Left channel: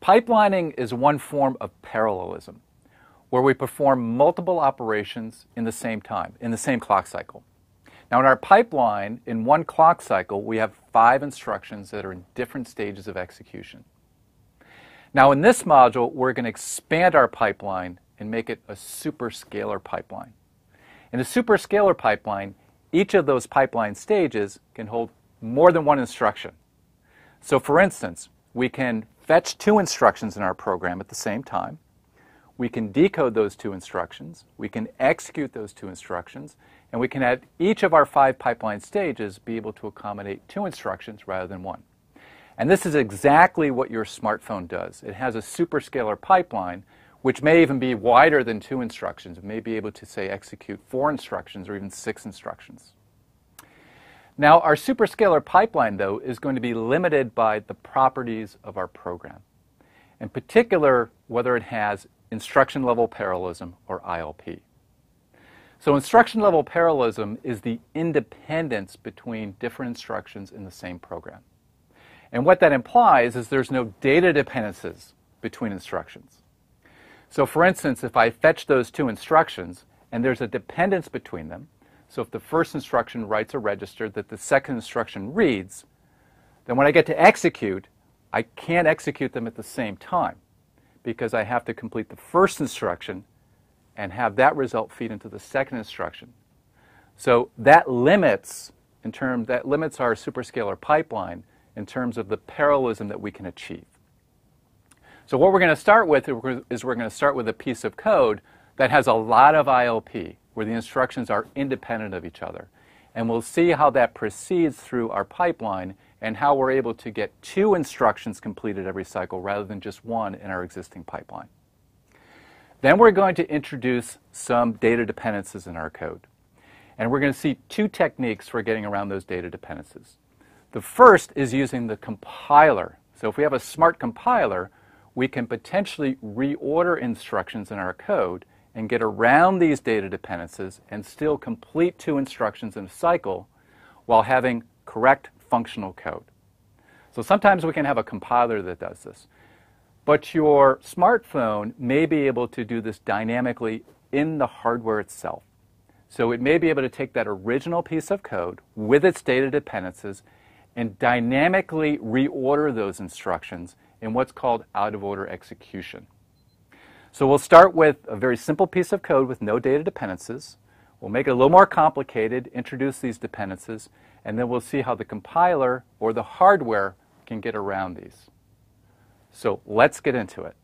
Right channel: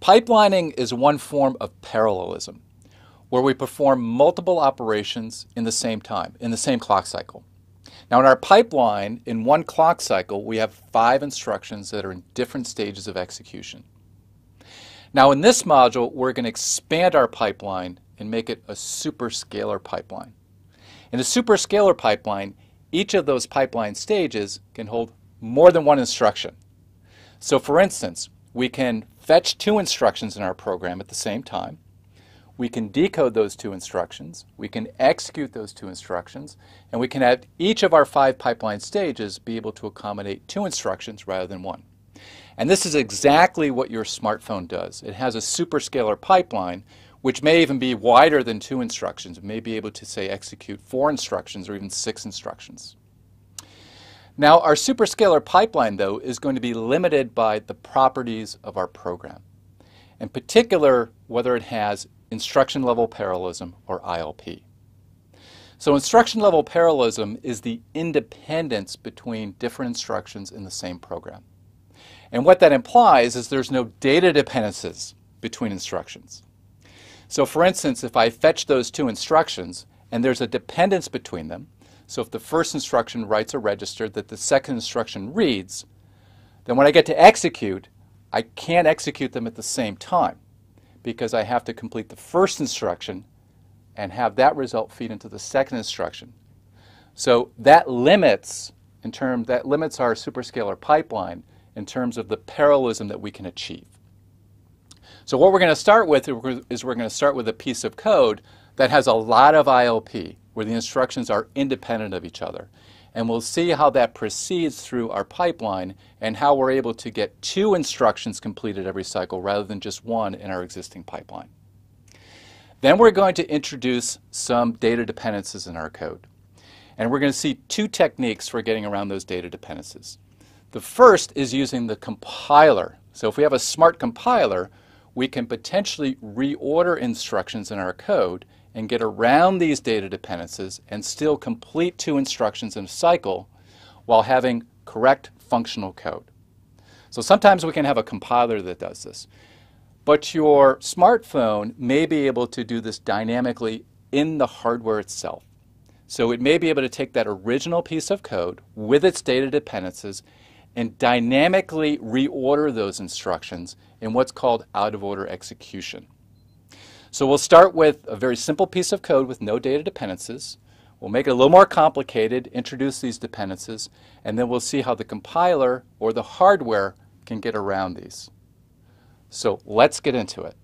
Pipelining is one form of parallelism, where we perform multiple operations in the same time, in the same clock cycle. Now in our pipeline, in one clock cycle, we have 5 instructions that are in different stages of execution. Now in this module, we're going to expand our pipeline and make it a superscalar pipeline. In a superscalar pipeline, each of those pipeline stages can hold more than one instruction. So for instance, we can fetch 2 instructions in our program at the same time. We can decode those 2 instructions. We can execute those 2 instructions. And we can have each of our 5 pipeline stages be able to accommodate 2 instructions rather than 1. And this is exactly what your smartphone does. It has a superscalar pipeline, which may even be wider than 2 instructions. It may be able to, say, execute 4 instructions or even 6 instructions. Now, our superscalar pipeline, though, is going to be limited by the properties of our program. In particular, whether it has instruction-level parallelism or ILP. So instruction-level parallelism is the independence between different instructions in the same program. And what that implies is there's no data dependencies between instructions. So for instance, if I fetch those 2 instructions and there's a dependence between them, so if the first instruction writes a register that the second instruction reads, then when I get to execute, I can't execute them at the same time because I have to complete the first instruction and have that result feed into the second instruction. So that limits our superscalar pipeline in terms of the parallelism that we can achieve. So what we're going to start with is we're going to start with a piece of code that has a lot of ILP, where the instructions are independent of each other. And we'll see how that proceeds through our pipeline and how we're able to get 2 instructions completed every cycle rather than just 1 in our existing pipeline. Then we're going to introduce some data dependencies in our code. And we're going to see 2 techniques for getting around those data dependencies. The first is using the compiler. So if we have a smart compiler, we can potentially reorder instructions in our code and get around these data dependencies and still complete 2 instructions in a cycle while having correct functional code. So sometimes we can have a compiler that does this. But your smartphone may be able to do this dynamically in the hardware itself. So it may be able to take that original piece of code with its data dependencies and dynamically reorder those instructions in what's called out-of-order execution. So we'll start with a very simple piece of code with no data dependencies. We'll make it a little more complicated, introduce these dependencies, and then we'll see how the compiler or the hardware can get around these. So let's get into it.